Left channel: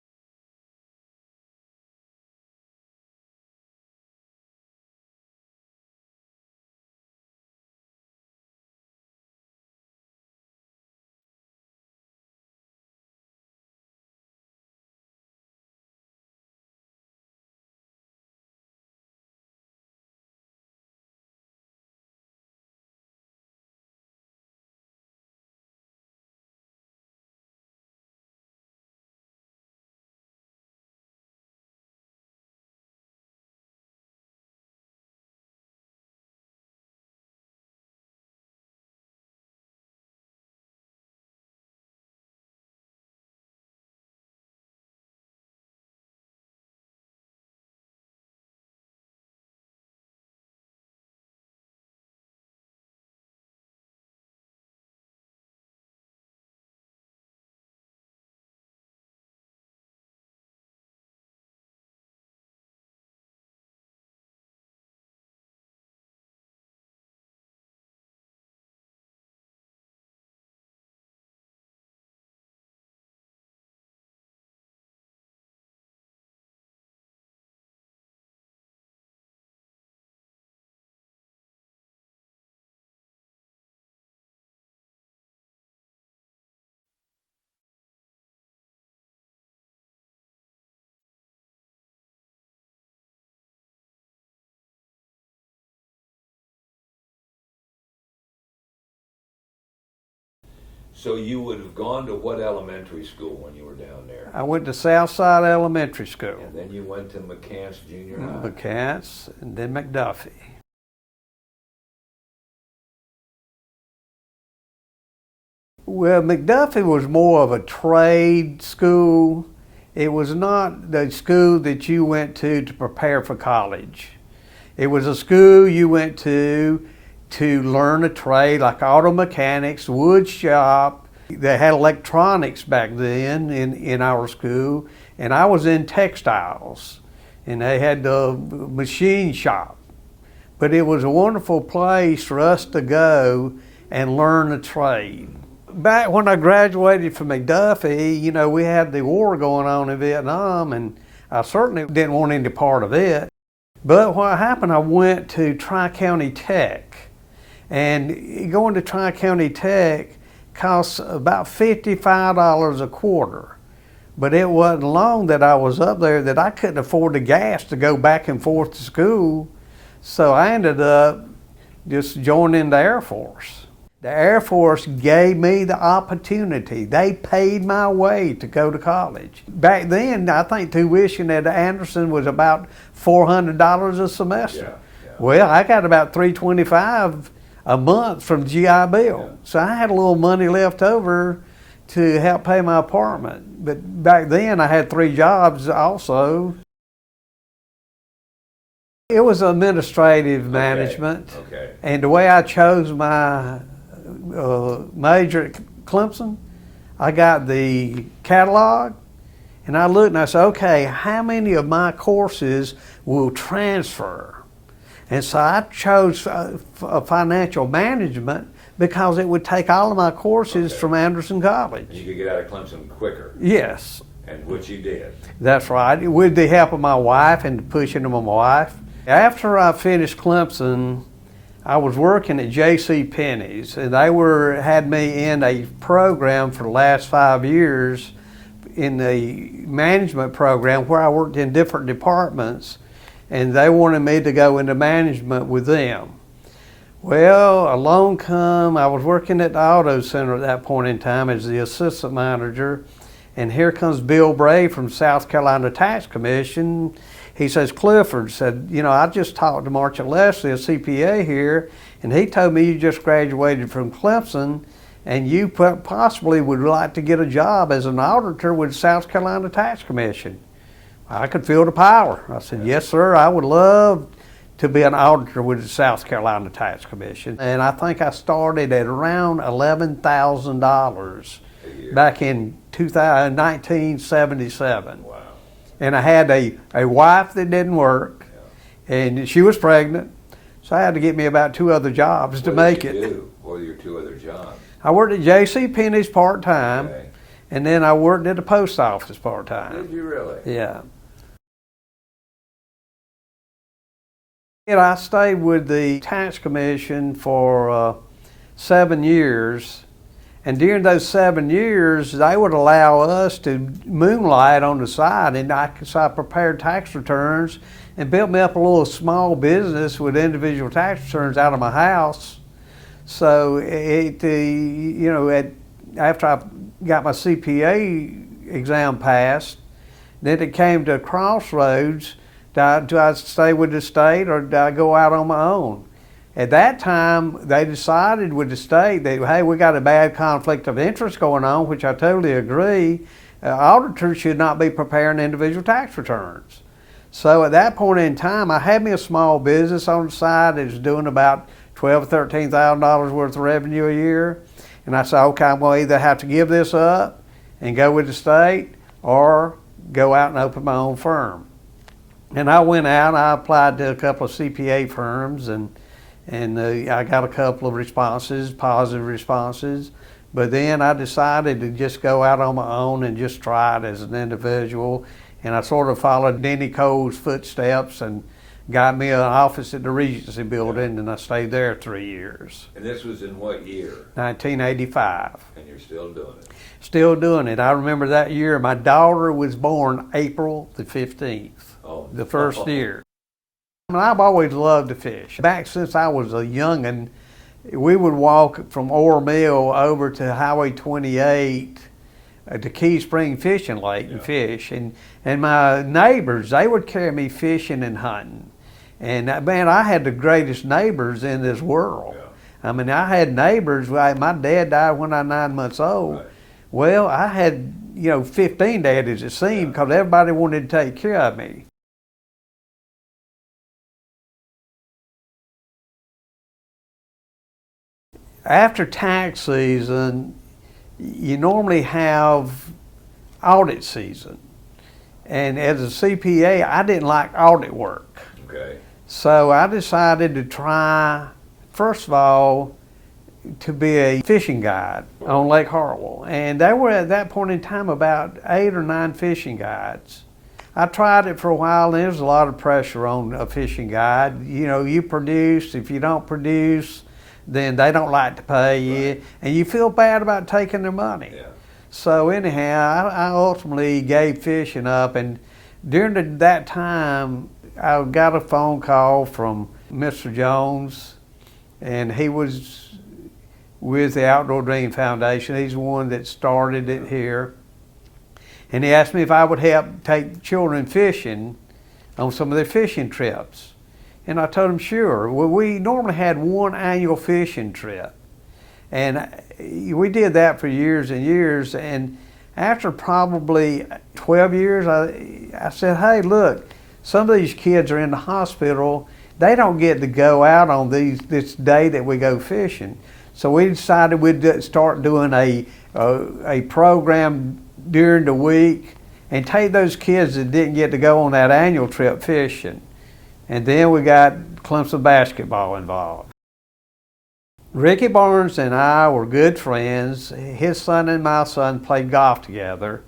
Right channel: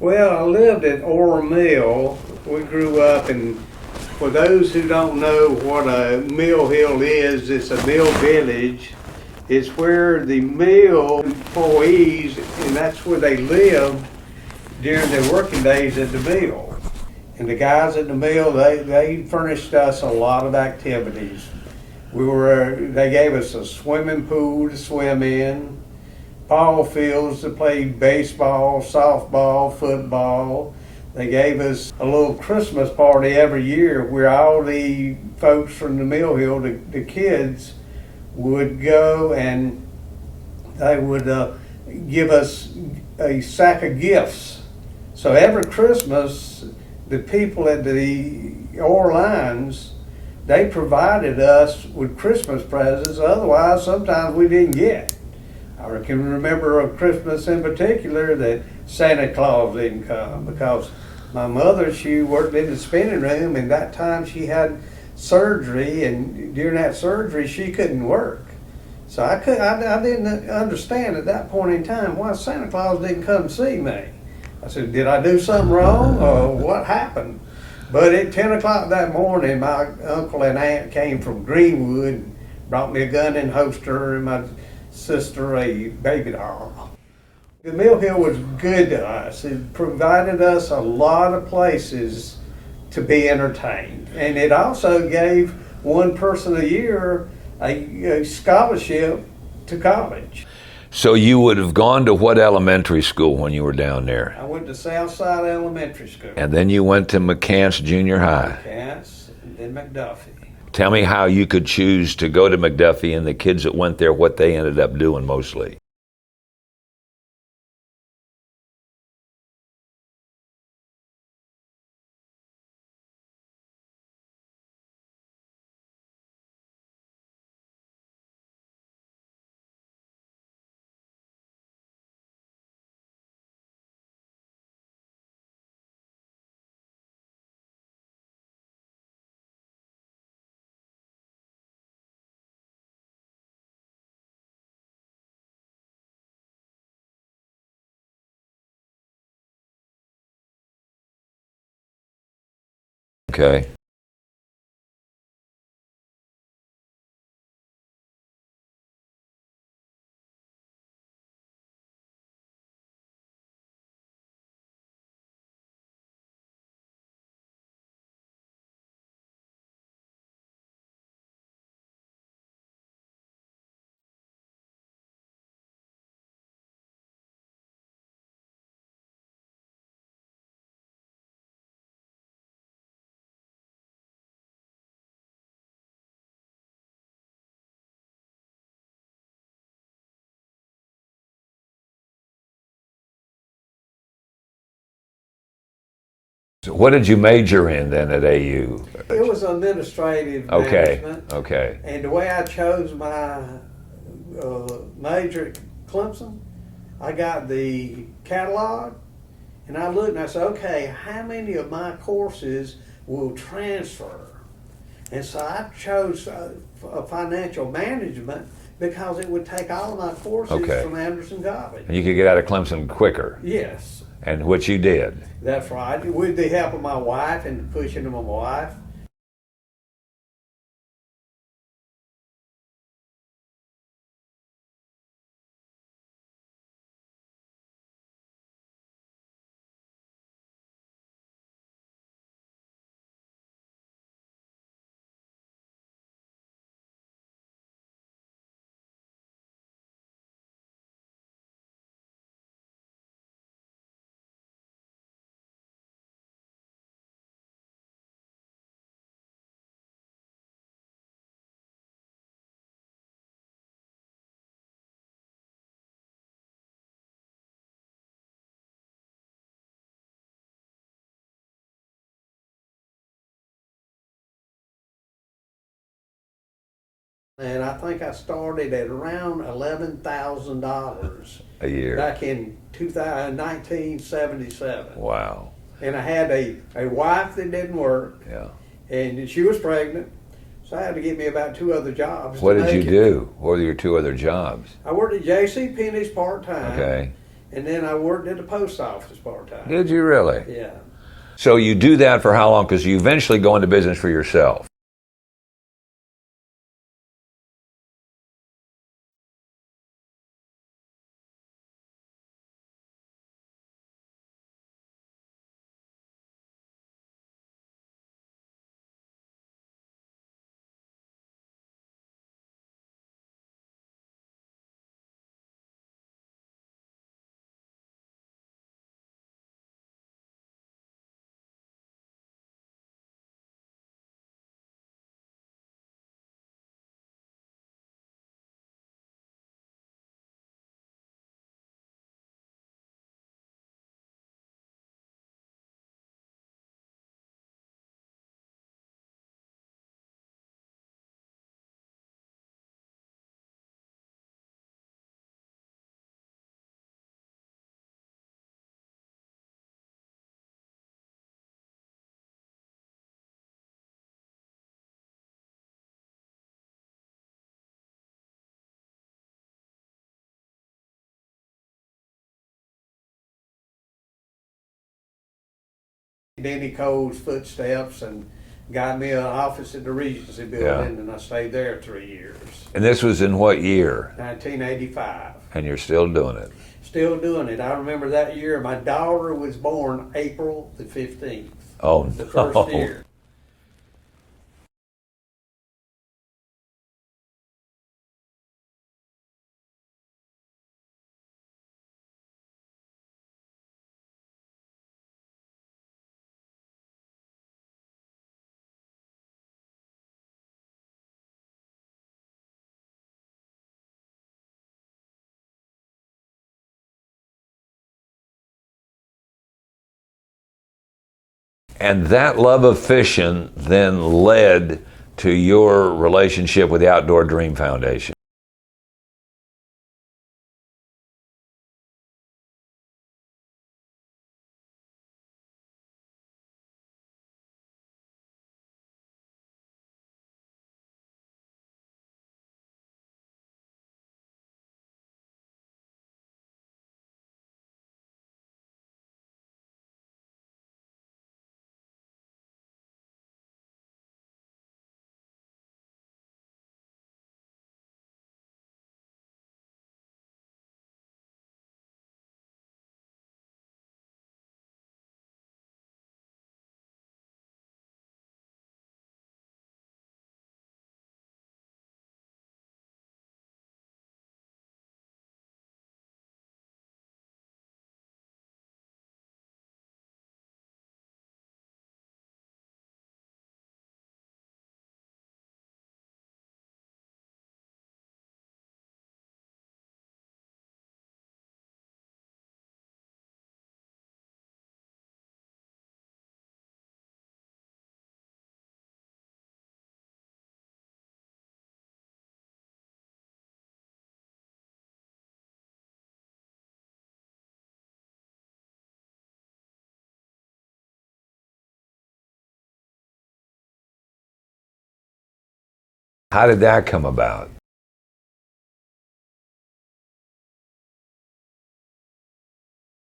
Well, I lived at Ore Mill. We grew up, and for those who don't know what a mill hill is, it's a mill village. It's where the mill employees, and that's where they lived during their working days at the mill. And the guys at the mill, they furnished us a lot of activities. They gave us a swimming pool to swim in, ball fields to play baseball, softball, football. They gave us a little Christmas party every year where all the folks from the mill hill, the kids, would go and they would give us a sack of gifts. So every Christmas, the people at the Ore Lines, they provided us with Christmas presents. Otherwise, sometimes we didn't get. I can remember a Christmas in particular that Santa Claus didn't come because my mother, she worked in the spinning room, and that time she had surgery, and during that surgery she couldn't work. So I didn't understand at that point in time why Santa Claus didn't come see me. I said, did I do something wrong or what happened? But at 10 o'clock that morning, my uncle and aunt came from Greenwood and brought me a gun and holster and my sister a baby doll. The mill hill was good to us. It provided us a lot of places to be entertained. And it also gave one person a year a scholarship to college. So you would have gone to what elementary school when you were down there? I went to Southside Elementary School. And then you went to McCants Junior High? McCants, and then McDuffie. Tell me how you could choose to go to McDuffie and the kids that went there, what they ended up doing mostly. Well, McDuffie was more of a trade school. It was not the school that you went to prepare for college. It was a school you went to learn a trade, like auto mechanics, wood shop. They had electronics back then in our school, and I was in textiles, and they had the machine shop. But it was a wonderful place for us to go and learn a trade. Back when I graduated from McDuffie, you know, we had the war going on in Vietnam, and I certainly didn't want any part of it. Okay. But what happened, I went to Tri-County Tech. And going to Tri-County Tech costs about $55 a quarter. But it wasn't long that I was up there that I couldn't afford the gas to go back and forth to school. So I ended up just joining the Air Force. The Air Force gave me the opportunity. They paid my way to go to college. Back then, I think tuition at Anderson was about $400 a semester. Yeah. Well, I got about $325 a month from GI Bill. Yeah. So I had a little money left over to help pay my apartment. But back then I had 3 jobs also. So what did you major in then at AU? It was administrative management. Okay. And the way I chose my major at Clemson, I got the catalog and I looked and I said, okay, how many of my courses will transfer? And so I chose financial management because it would take all of my courses from Anderson College. And you could get out of Clemson quicker. Yes. And which you did. That's right, with the help of my wife and the pushing of my wife. After I finished Clemson, I was working at J.C. Penney's, and they had me in a program for the last 5 years in the management program where I worked in different departments. And they wanted me to go into management with them. Well, along come, I was working at the auto center at that point in time as the assistant manager, and here comes Bill Bray from South Carolina Tax Commission. He says, Clifford said, you know, I just talked to Marcia Leslie, a CPA here, and he told me you just graduated from Clemson, and you possibly would like to get a job as an auditor with South Carolina Tax Commission. I could feel the power. I said, yes, sir, I would love to be an auditor with the South Carolina Tax Commission. And I think I started at around $11,000 a year back in 1977. Wow. And I had a wife that didn't work, and she was pregnant, so I had to get me about 2 other jobs to make it. What did you do? What were your 2 other jobs? I worked at J.C. Penney's part-time. Okay. And then I worked at the post office part-time. Did you really? Yeah. So you do that for how long? Because you eventually go into business for yourself. And I stayed with the tax commission for 7 years. And during those 7 years, they would allow us to moonlight on the side. And so I prepared tax returns and built me up a little small business with individual tax returns out of my house. So after I got my CPA exam passed, then it came to a crossroads. Do I stay with the state or do I go out on my own? At that time, they decided with the state that, hey, we got a bad conflict of interest going on, which I totally agree. Auditors should not be preparing individual tax returns. So at that point in time, I had me a small business on the side that was doing about $12,000 or $13,000 worth of revenue a year. And I said, okay, I'm going to either have to give this up and go with the state or go out and open my own firm. And I went out, I applied to a couple of CPA firms, and I got a couple of responses, positive responses. But then I decided to just go out on my own and just try it as an individual. And I sort of followed Denny Cole's footsteps and got me an office at the Regency building, and I stayed there 3 years. And this was in what year? 1985. And you're still doing it? Still doing it. I remember that year, my daughter was born April the 15th. Oh, the first year. I mean, I've always loved to fish. Back since I was a youngin', we would walk from Ore Mill over to Highway 28 to Key Spring Fishing Lake and fish. And my neighbors, they would carry me fishing and hunting. And man, I had the greatest neighbors in this world. Yeah. I mean, I had neighbors. My dad died when I was 9 months old. Right. Well, I had 15 daddies, it seemed, because everybody wanted to take care of me. And that love of fishing then led to your relationship with the Outdoor Dream Foundation. After tax season, you normally have audit season. And as a CPA, I didn't like audit work. Okay. So I decided to try, first of all, to be a fishing guide on Lake Hartwell. And there were at that point in time about 8 or 9 fishing guides. I tried it for a while, and there was a lot of pressure on a fishing guide. You produce. If you don't produce, then they don't like to pay you, and you feel bad about taking their money. Yeah. So anyhow, I ultimately gave fishing up, and during that time, I got a phone call from Mr. Jones, and he was with the Outdoor Dream Foundation. He's the one that started it here. And he asked me if I would help take children fishing on some of their fishing trips. And I told him, sure. Well, we normally had one annual fishing trip. And we did that for years and years. And after probably 12 years, I said, hey, look, some of these kids are in the hospital. They don't get to go out on this day that we go fishing. So we decided we'd start doing a program during the week and take those kids that didn't get to go on that annual trip fishing. And then we got Clemson basketball involved. How did that come about? Ricky Barnes and I were good friends. His son and my son played golf together.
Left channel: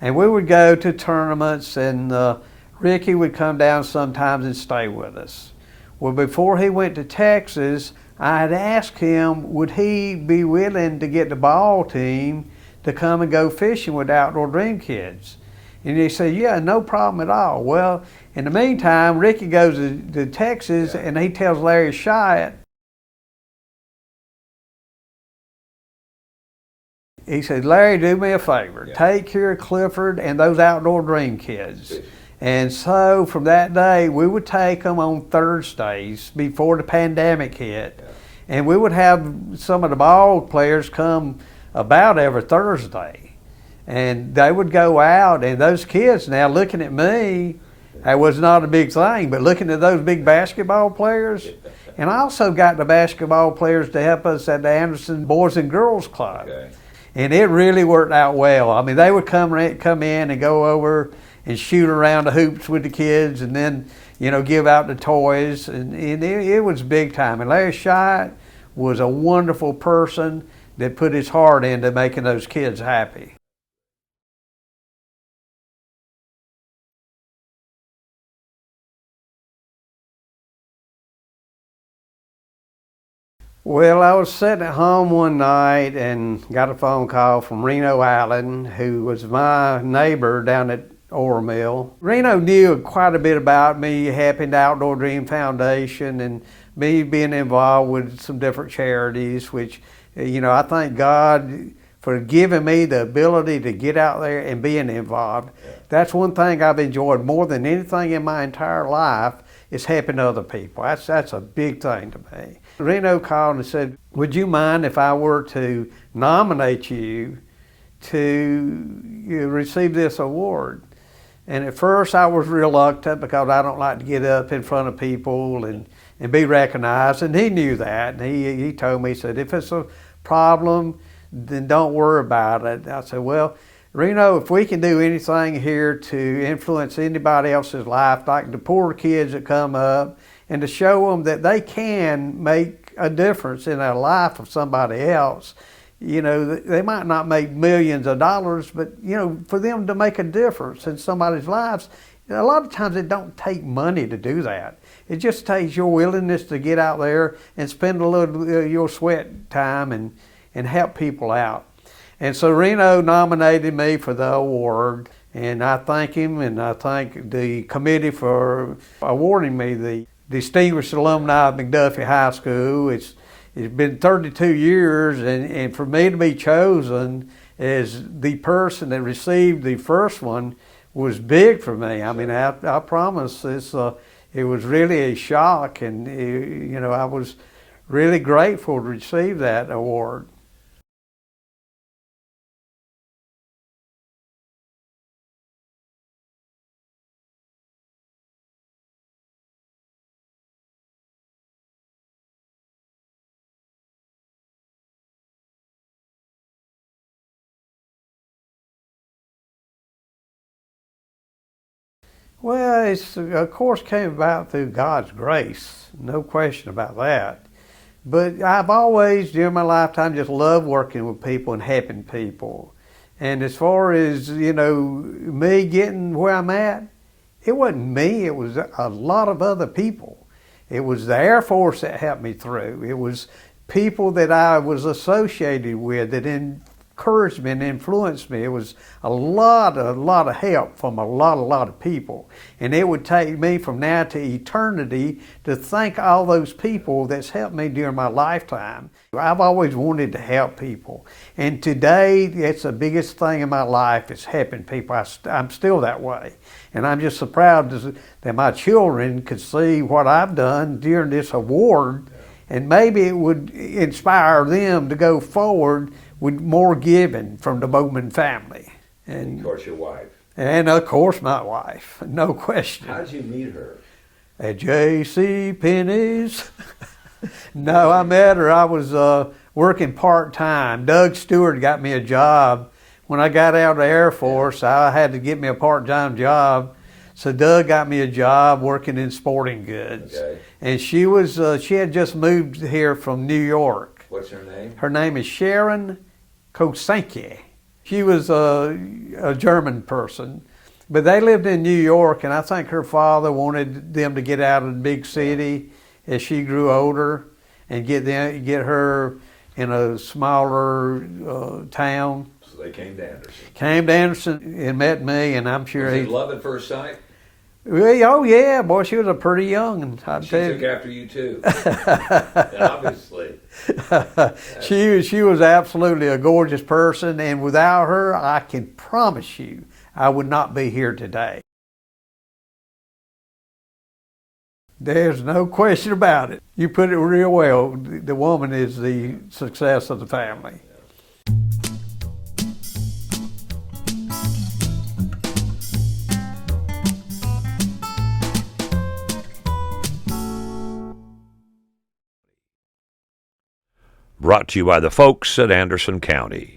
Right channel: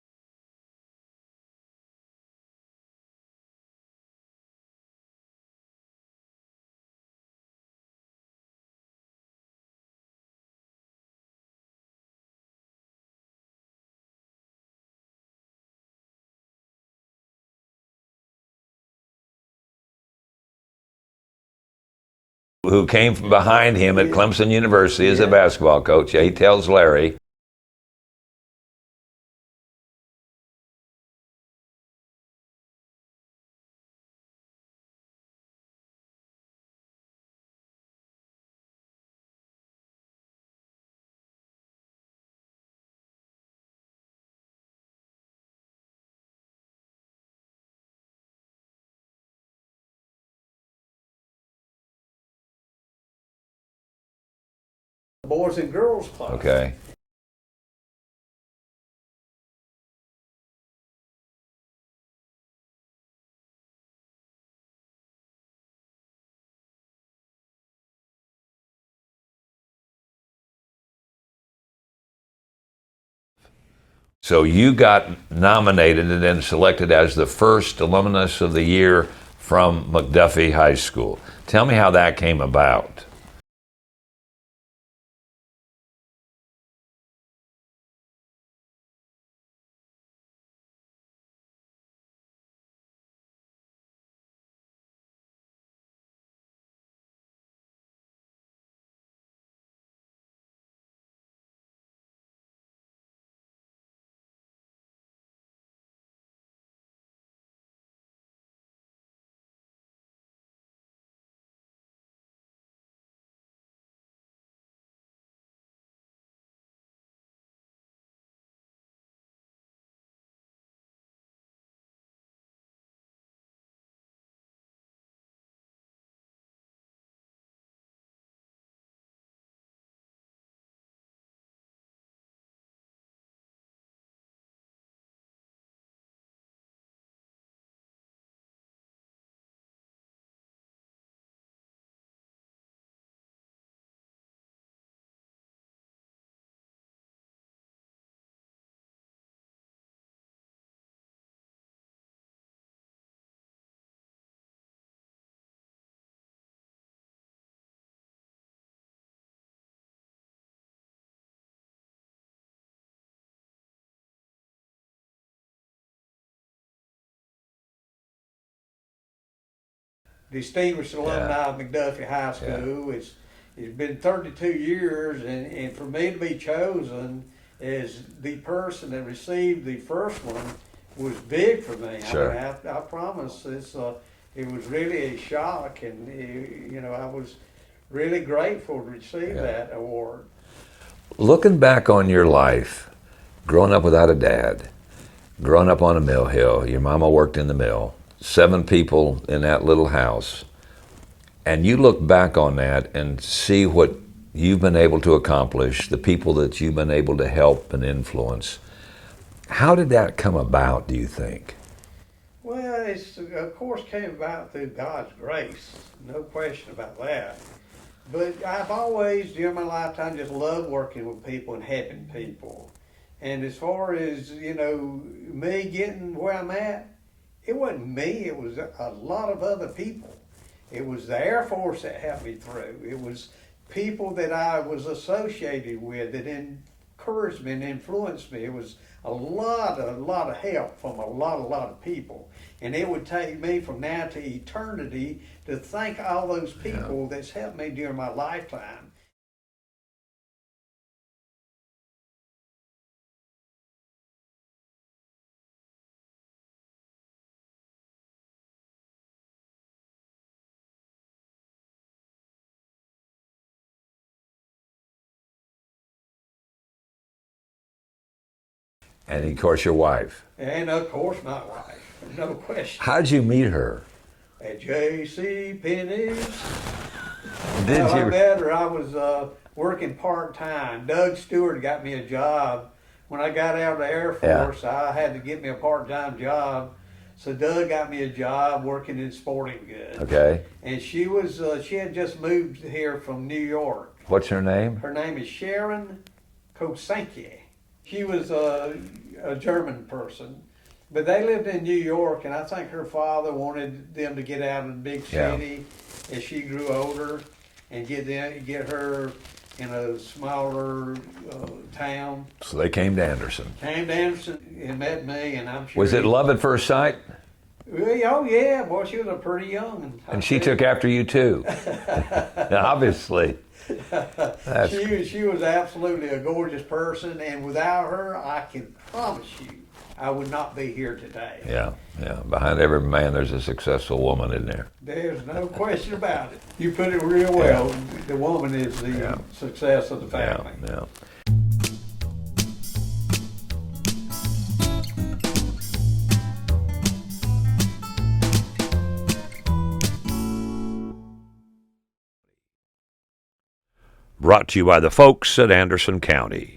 And we would go to tournaments, and Ricky would come down sometimes and stay with us. Well, before he went to Texas, I had asked him, would he be willing to get the ball team to come and go fishing with Outdoor Dream Kids? And he said, yeah, no problem at all. Well, in the meantime, Ricky goes to Texas, and he tells Larry Shyatt, who came from behind him at Clemson University as a basketball coach. He tells Larry. He said, Larry, do me a favor. Take care of Clifford and those Outdoor Dream Kids. And so from that day, we would take them on Thursdays before the pandemic hit. And we would have some of the ball players come about every Thursday. And they would go out, and those kids now looking at me, that was not a big thing, but looking at those big basketball players. And I also got the basketball players to help us at the Anderson Boys and Girls Club. Okay. And it really worked out well. I mean, they would come in and go over and shoot around the hoops with the kids, and then, give out the toys. And it was big time. And Larry Shyatt was a wonderful person that put his heart into making those kids happy. So you got nominated and then selected as the first alumnus of the year from McDuffie High School. Tell me how that came about. Well, I was sitting at home one night and got a phone call from Reno Allen, who was my neighbor down at Ore Mill. Reno knew quite a bit about me, helping the Outdoor Dream Foundation and me being involved with some different charities, which, I thank God for giving me the ability to get out there and being involved. That's one thing I've enjoyed more than anything in my entire life is helping other people. That's a big thing to me. Reno called and said, would you mind if I were to nominate you to receive this award? And at first I was reluctant because I don't like to get up in front of people and be recognized, and he knew that. And he told me, he said, if it's a problem, then don't worry about it. I said, well, Reno, if we can do anything here to influence anybody else's life, like the poor kids that come up, and to show them that they can make a difference in the life of somebody else. They might not make millions of dollars, but, for them to make a difference in somebody's lives, a lot of times it don't take money to do that. It just takes your willingness to get out there and spend a little your sweat time and help people out. And so Reno nominated me for the award, and I thank him, and I thank the committee for awarding me the Distinguished Alumni of McDuffie High School. It's been 32 years, and for me to be chosen as the person that received the first one was big for me. I mean, I promise it was really a shock, and I was really grateful to receive that award. Looking back on your life, growing up without a dad, growing up on a mill hill, your mama worked in the mill, 7 people in that little house, and you look back on that and see what you've been able to accomplish, the people that you've been able to help and influence. How did that come about, do you think? Well, it's of course came about through God's grace, no question about that. But I've always, during my lifetime, just loved working with people and helping people. And as far as, me getting where I'm at, it wasn't me, it was a lot of other people. It was the Air Force that helped me through. It was people that I was associated with that encouraged me and influenced me. It was a lot of help from a lot of people. And it would take me from now to eternity to thank all those people that's helped me during my lifetime. I've always wanted to help people. And today, it's the biggest thing in my life is helping people. I'm still that way. And I'm just so proud that my children could see what I've done during this award, and maybe it would inspire them to go forward with more giving from the Bowman family. And of course your wife. And of course my wife, no question. How'd you meet her? At J.C. Penney's. No, I met her. I was working part-time. Doug Stewart got me a job. When I got out of the Air Force, I had to get me a part-time job. So Doug got me a job working in sporting goods. Okay. And she had just moved here from New York. What's her name? Her name is Sharon Kosenke. She was a German person, but they lived in New York, and I think her father wanted them to get out of the big city as she grew older and get her in a smaller town. So they came to Anderson. Came to Anderson and met me, and I'm sure. Was it love at first sight? Oh yeah, boy, she was a pretty young. And she took after you too. Obviously. She was absolutely a gorgeous person, and without her, I can promise you, I would not be here today. Yeah. Behind every man, there's a successful woman in there. There's no question about it. You put it real well. Yeah. The woman is the success of the family. Yeah. Brought to you by the folks at Anderson County.